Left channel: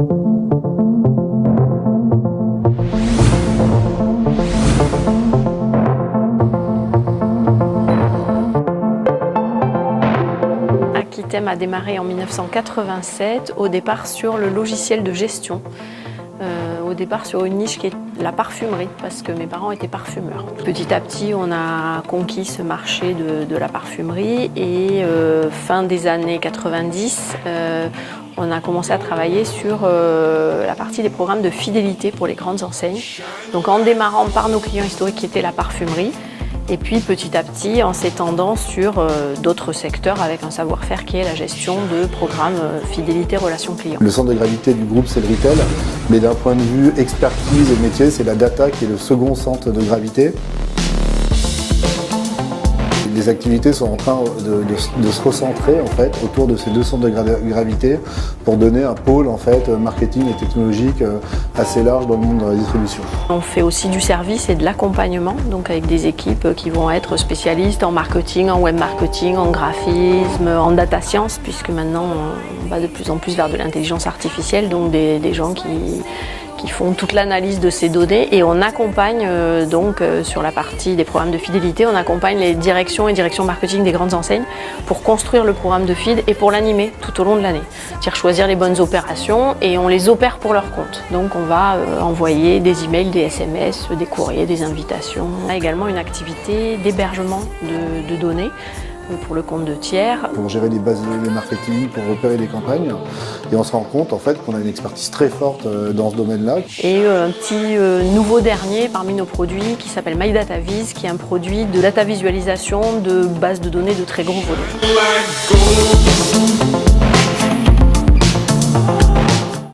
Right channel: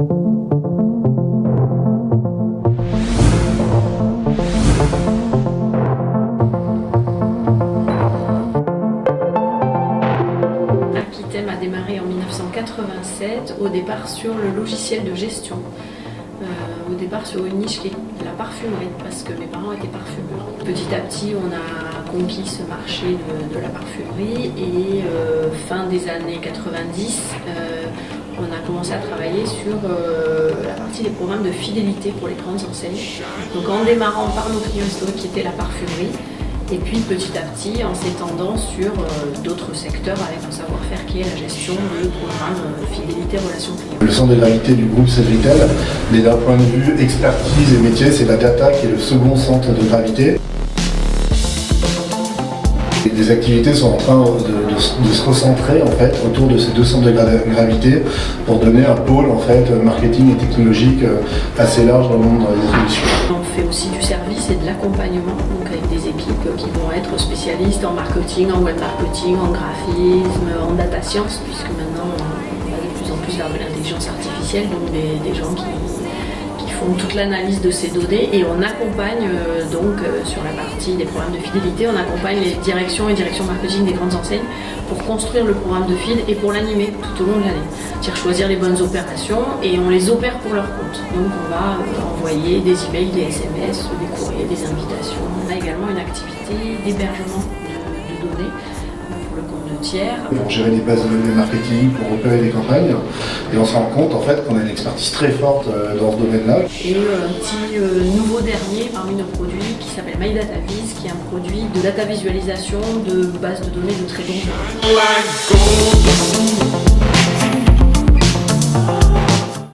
Aquitem a démarré en 1987, au départ sur le logiciel de gestion. Au départ sur une niche qui est la parfumerie, parce que mes parents étaient parfumeurs. Petit à petit, on a conquis ce marché de la parfumerie et fin des années 90, on a commencé à travailler sur la partie des programmes de fidélité pour les grandes enseignes. Donc en démarrant par nos clients historiques qui étaient la parfumerie, et puis petit à petit en s'étendant sur d'autres secteurs avec un savoir-faire qui est la gestion de programmes fidélité relations clients. Le centre de gravité du groupe Cellvital, mais d'un point de vue expertise et métier, c'est la data qui est le second centre de gravité. Les activités sont en train de se recentrer en fait, autour de ces deux centres de gravité pour donner un pôle en fait, marketing et technologique assez large dans le monde de la distribution. On fait aussi du service et de l'accompagnement, donc avec des équipes qui vont être spécialistes en marketing, en web marketing, en graphisme, en data science, puisque maintenant on va de plus en plus vers de l'intelligence artificielle, donc des gens qui font toute l'analyse de ces données, et on accompagne sur la partie des programmes de fidélité, on accompagne les directions et directions marketing des grandes enseignes pour construire le programme de feed et pour l'animer tout au long de l'année. C'est-à-dire choisir les bonnes opérations et on les opère pour leur compte. Donc on va envoyer des emails, des SMS, des courriers, des invitations. On a également une activité d'hébergement de données pour le compte de tiers. Pour gérer des bases de données marketing, pour repérer des campagnes, et on se rend compte en fait qu'on a une expertise très forte dans ce domaine-là. Et un petit nouveau dernier parmi nos produits qui s'appelle MyDataVis, qui est un produit de data visualisation de bases de données de très gros volume.